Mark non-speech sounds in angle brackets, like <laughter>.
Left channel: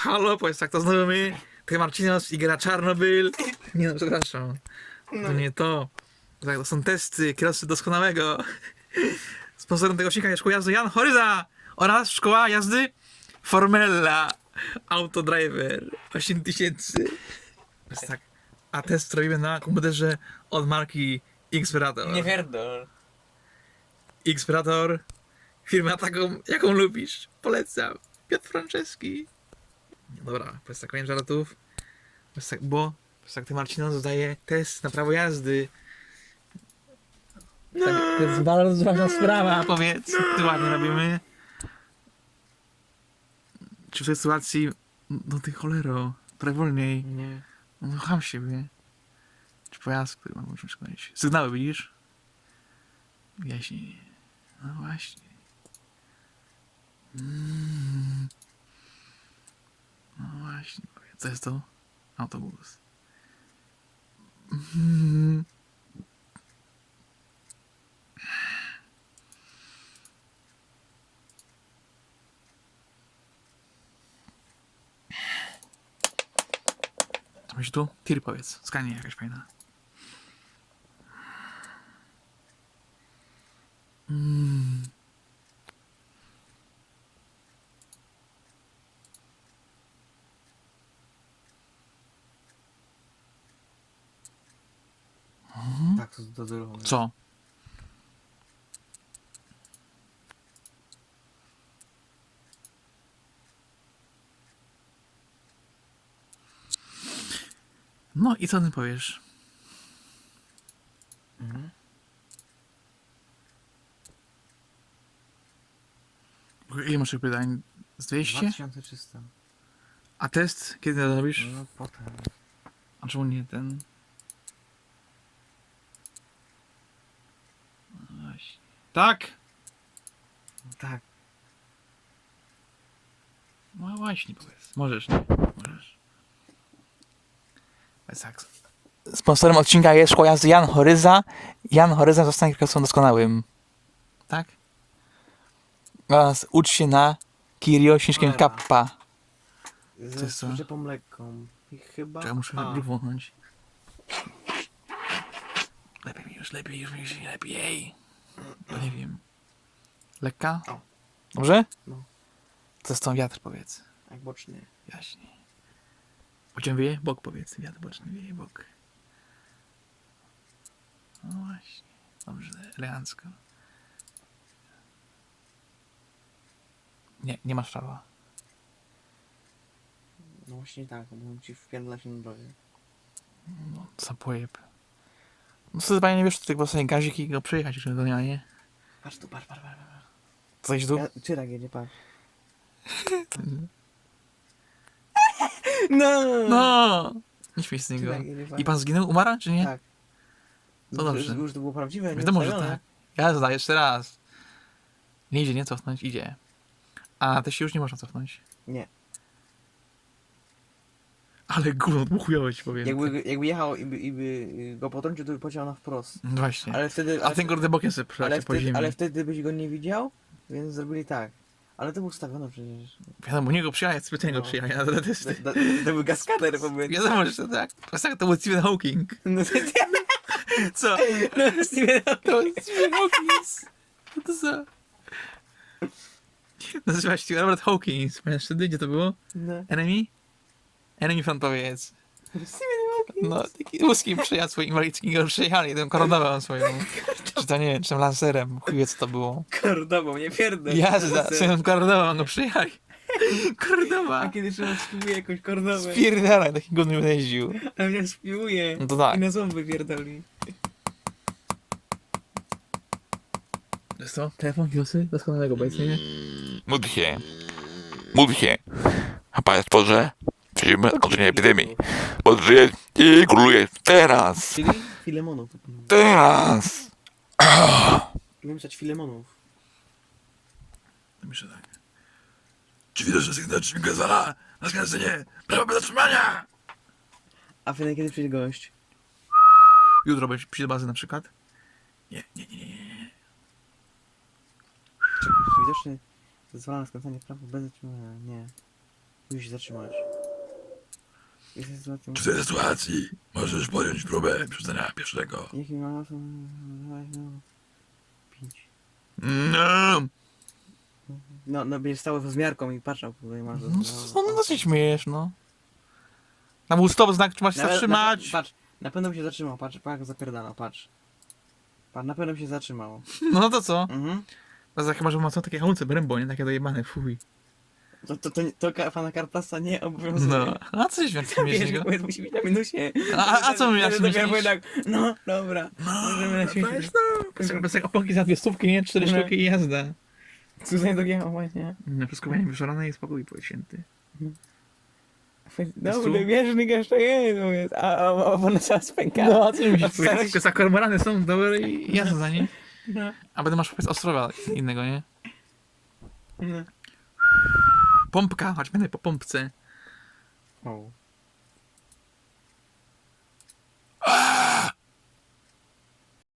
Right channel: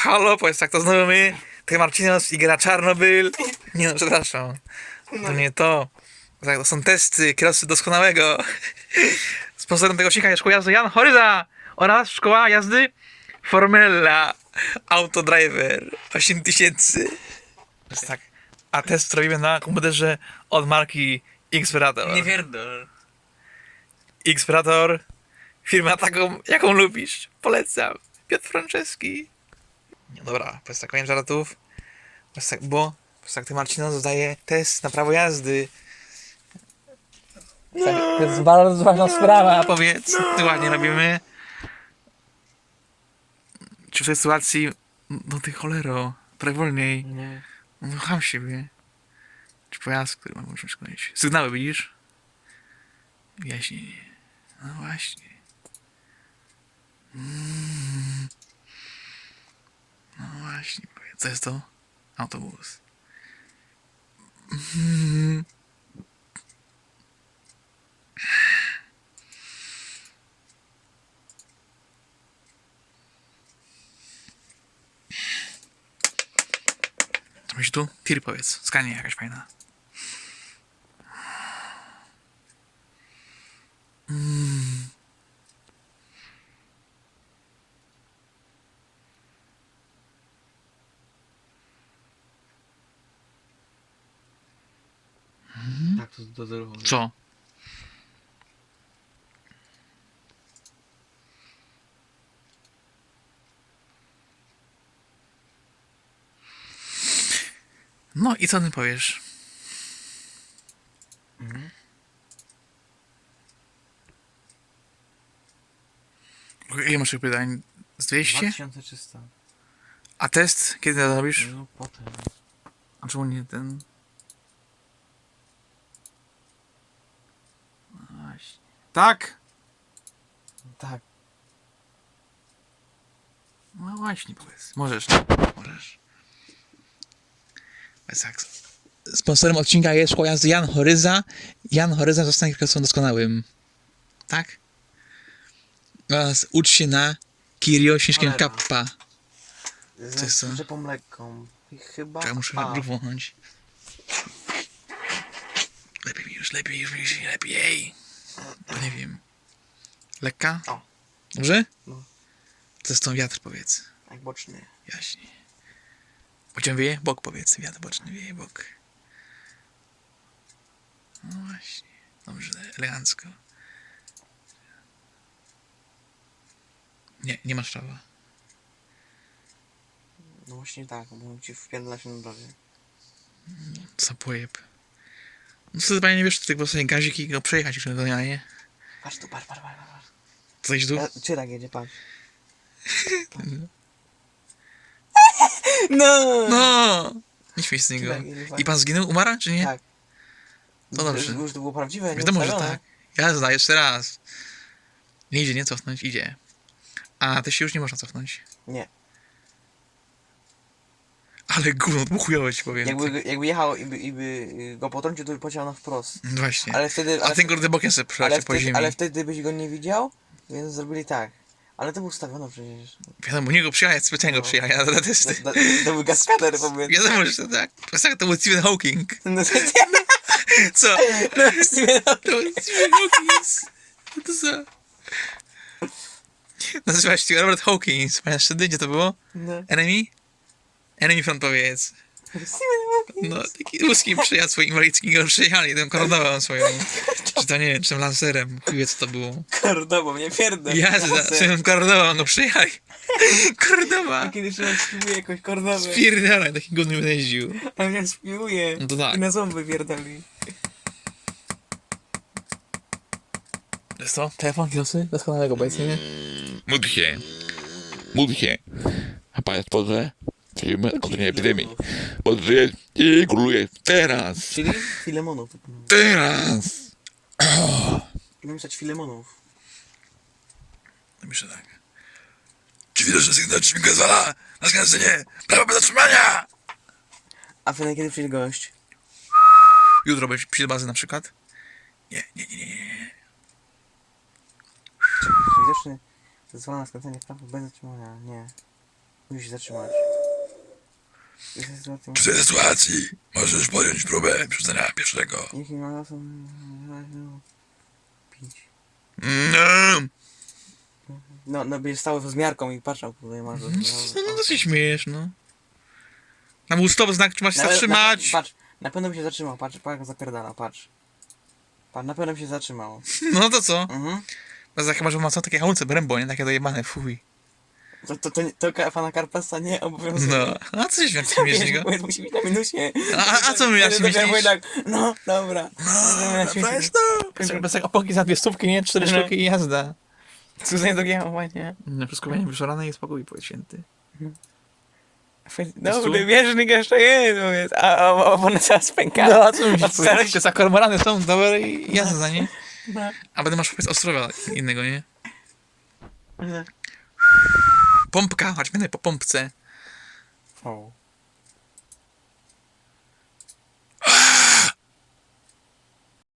Halo, powiedz tak, to znowu my, ty Marcinos i gra Czarnobyl. Nie no, przepraszam. To nie to. Tak, to są testy kierowcy doskonałego. Sponsorem tego odcinka jest szkoła jazdy Jan Horyza oraz szkoła jazdy Formella Autodriver 8000. Jest tak. A test robimy na komputerze od marki Xperator. Nie pierdol. Xperator, firma taką, jaką lubisz. Polecam. Piotr Franceski. Nie, dobra, bez tak koniec żartów. Bez tak, bo bez tak ty Marcino zadaje test na prawo jazdy. Tak, to jest bardzo ważna sprawa, powiedz. Ty ładnie robimy. Czy w tej sytuacji, no ty cholero, trochę wolniej. Nie. No siebie. Czy pojazd, który ma możemy szkolić? Sygnały widzisz? Wyjaśnienie. No właśnie. Mm. No właśnie. Co jest to? Autobus. Mm. Co myślisz tu? Tir powiedz. Skanie jakaś fajna. Mm. Dozorowane. Co? No i co ty powiesz? Mhm. Ile masz tych pytań? Z 200? 2300. A test? Kiedy to robisz? No potem. A czemu nie ten? No Właśnie. Tak? Tak. No właśnie, powiedz. Możesz, nie? Możesz. Tak. Sponsorem odcinka jest szkoła jazdy Jan Horyza. Jan Horyza zostanie kierowcą doskonałym. Tak? Oraz ucz się na Kirio Śnieżkiem Cholera. Kappa. Z jest co? przyczepą lekką. I chyba... Czekaj, muszę A. brzuch wąchnąć. Lepiej mi już, lepiej już mi się, lepiej. No nie wiem. Lekka? O. Dobrze? No. To jest tą wiatr, powiedz. Jak boczny. Jaśnie. Pociąg wieje? Bok powiedz. Wiatr boczny wieje bok. No właśnie. Dobrze, elegancko. Nie, nie masz prawa. No właśnie tak, bo ci wpierdala się na drogę. Za pojeb. No co ty panie nie wiesz, tylko sobie gazik i go przejechać już do nie? Patrz tu, patrz, patrz, patrz. patrz. Co iść tu? Ja, czy tak jedzie, patrz. <laughs> No! No! Nie śmiej z niego. Tak. I pan zginął? Umarł, czy nie? Tak. To dobrze. Już, to było prawdziwe, Wiadomo, że tak. Jazda, jeszcze raz. Nie idzie, nie cofnąć, idzie. A, ty się już nie można cofnąć. Nie. Ale gówno, ci powiem. Jakby, jakby jechał i by, i by y, go potrącił, to by pociął na wprost. No Właśnie. Ale wtedy... A ale ten kurde bokiem sobie ale przelecie po ziemi. ale wtedy byś go nie widział, więc zrobili tak. Ale to był ustawione przecież. Wiadomo, u niego przyjechać, specjalnie go No. przyjechać na testy. to, był gaskader powiedz. Wiadomo, że to tak. To jest tak, to był Stephen Hawking. <laughs> No to Co? no, To był Stephen Hawking. Co to za... Nazywa się Robert Hawkins. Pamiętasz wtedy, gdzie to było? No. Enemy? Enemy front powiedz. No, taki łuski przyjazd swój inwalidzki go przyjechali, tą koronową swoją. Czy to nie wiem, czy tym lancerem. Chuj wie, co to było. Kordową, nie pierdol. Jazda, swoją koronową go przyjechali. A Kordowa. kiedy człowiek spiłuje jakąś kordowę, Spierdalaj, taki godny jeździł. a mnie spiłuje No to tak. i na ząby pierdoli. Jest to? Telefon kiosy? Doskonałego obecnie. Módl się. Módl się. A Panie Stworze, przyjmę otoczenie epidemii. Bo żyje i króluje teraz. Czyli Filemonów. Teraz. Umiem pisać Filemonów. Myślę tak. Czy że sygnał mi gazala? Na skręcenie! Prawo bez zatrzymania! A na kiedy przyjdzie gość? Jutro będzie przy bazy na przykład? Nie, nie, nie, nie, nie. Czy widoczny zezwala na skręcenie w prawo bez zatrzymania? Nie. Musisz się zatrzymać. W tej sytuacji możesz podjąć próbę przerzucenia pierwszego. Niech mi ma to... Pięć. No, No, no będziesz stały z miarką i patrzał, tutaj masz... no, no to się śmiejesz, no. Tam był stop znak, czy masz się Na- zatrzymać. Na, patrz, na pewno by się zatrzymał, patrz, patrz jak zapierdala, patrz. Patrz, na pewno by się zatrzymał. No to co? Mhm. Bez jak masz ma co takie hamulce Brembo, nie? Takie dojebane, fuj. To, to, to, to pana Karpasa nie obowiązuje. No, a co Wiesz, śmiesznego? bo musi być na minusie. A, a co my ja się Wtedy myślisz? tak, No, dobra. No, Bez, bez jak opłaki za dwie stówki, nie? Cztery Mhm. sztuki i jazda. Cudze do giamowania. No, wszystko będzie wyszorane i spokój, powiedz święty. Dobry, wierzchnik jeszcze jest, mówię, a, a, a one zaraz pęka. No, a co myślisz? Od starości. Tylko za kormorany są dobre i jazda, nie? No. A będę masz powiedz Ostrowa innego, nie? No. Pompka, chodź będę po pompce. O.